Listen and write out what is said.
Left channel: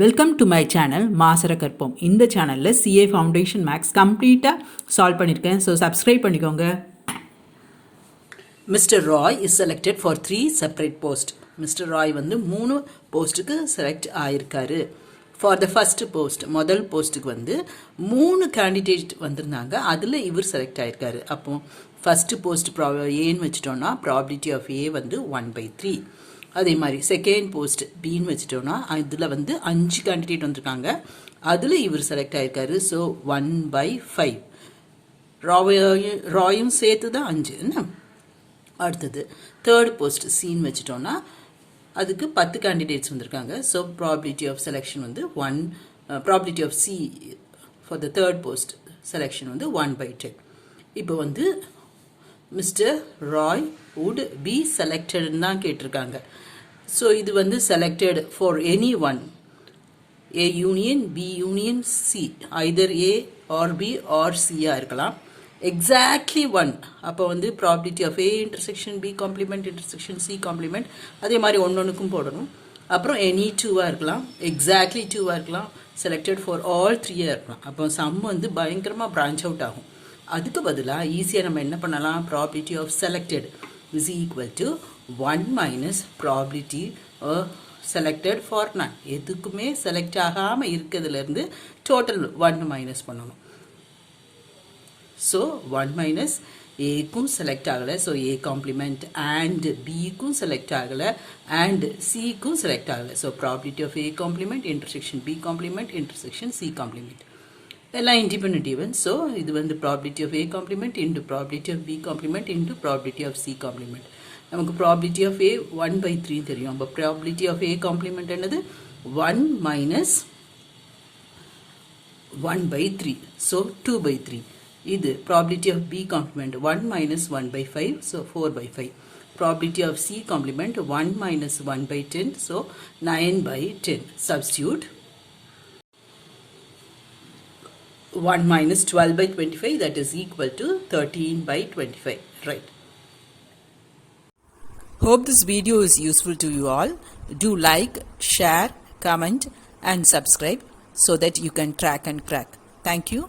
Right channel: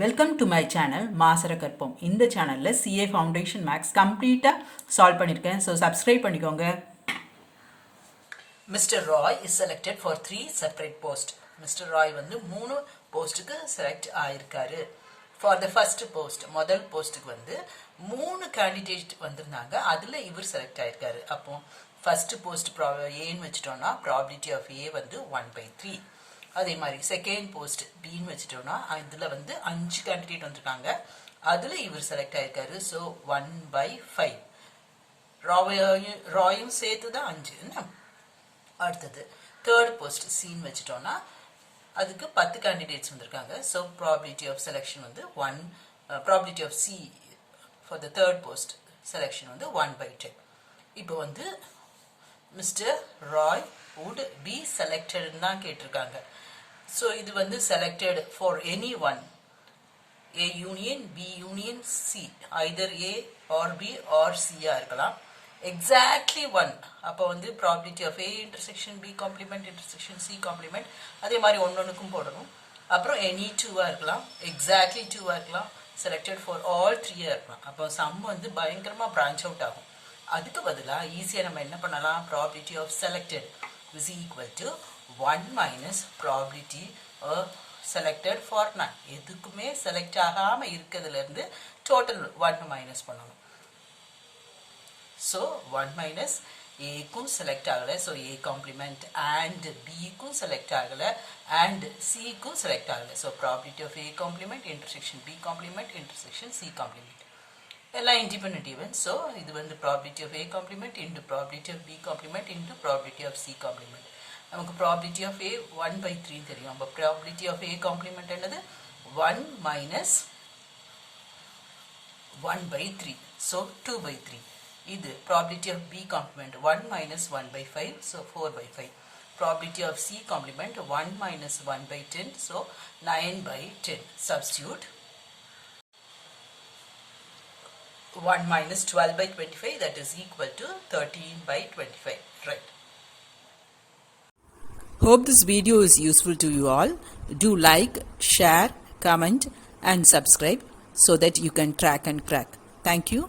Welcome to my channel மாசரகற்போம். இந்த சேனலில் சிஏ ஃபவுண்டேஷன் மேக்ஸ் கம்ப்ளீட்டாக சால்வ் பண்ணியிருக்கேன். ஸோ சப்ஸ்கிரைப் பண்ணிக்கோங்க. Mr. Roy is selected for 3 separate posts. Mr. Roy வந்து 3 போஸ்ட்டுக்கு செலக்ட் ஆயிருக்காரு. ஃபார் த ஃபர்ஸ்ட் போஸ்ட், முதல் போஸ்ட்டுக்கு வந்து 3 கேண்டிடேட் வந்திருந்தாங்க. அதில் இவர் செலக்ட் ஆயிருக்காரு. அப்போ ஃபர்ஸ்ட் போஸ்ட் ஏன்னு வச்சுட்டோம்னா ப்ராபபிலிட்டி ஆஃப் ஏ வந்து 1/3. அதே மாதிரி செகண்ட் போஸ்ட் பின்னு வச்சுட்டோம்னா இதில் வந்து 5 கேண்டிடேட் வந்திருக்காங்க. அதில் இவர் செலக்ட் ஆயிருக்காரு. ஸோ 1/5. ராயும் சேர்த்து தான் 5 என்ன. அடுத்தது தேர்ட் போஸ்ட் சின்னு வச்சுட்டோம்னா அதுக்கு 10 கேண்டிடேட்ஸ் வந்திருக்காங்க. ஸோ ப்ராபபிலிட்டி ஆஃப் செலெக்ஷன் வந்து probability of C for the third post selection வந்து 1/10. இப்போ வந்து mister Roy would be selected தான் கேட்டிருக்காங்க. ஸோ இது வந்து selected for any one, A union B union C, either A or B or சியா இருக்கலாம். Exactly one. அப்போ வந்து probability of A intersection B complement intersection C complement அதே மாதிரி ஒன்னொன்றுக்கும் போடணும். அப்புறம் எனி 2-ஆக இருக்கலாம், எக்ஸாக்ட்லி 2-ஆக இருக்கலாம், செலக்டட் ஃபார் ஆல் 3-ஆக இருக்கலாம். அப்போ சம் வந்து பயங்கரமாக பிரான்ச் அவுட் ஆகும். அதுக்கு பதிலாக ஈஸியாக நம்ம என்ன பண்ணலாம், probability of selected is equal to 1 minus probability of selected for none. எதுக்குமே செலக்ட் ஆகாம இருக்கிறதுலேருந்து டோட்டல் 1 மைனஸ் பண்ணணும். ஸோ 1 மைனஸ் ஏக்கும் செலக்ட் ஆகலை, ஸோ ஏ காம்ப்ளிமெண்ட், அண்ட் பிக்கும் செலக்ட் ஆகலை, அண்ட் சிக்கும் செலக்ட் ஆகலை. So probability of A complement intersection B complement intersection C complement எல்லாம் இண்டிபெண்டன்ட் ஈவென்ட். ஸோ இது வந்து probability of A complement into probability of B complement into probability of C complement. நமக்கு probability of A 1/3 தெரியும். அப்போ probability of A complement என்னது 1 minus 1/3. So 2/3. இது probability of B complement 1 minus 1/5. So 4/5. Probability of C complement 1 minus 1/10. So 9/10. Substitute 1 minus 12/25, that is equal to 13/25. Right. Hope this video is useful to you all. Do like, share, comment and subscribe so that you can track and crack. Thank you.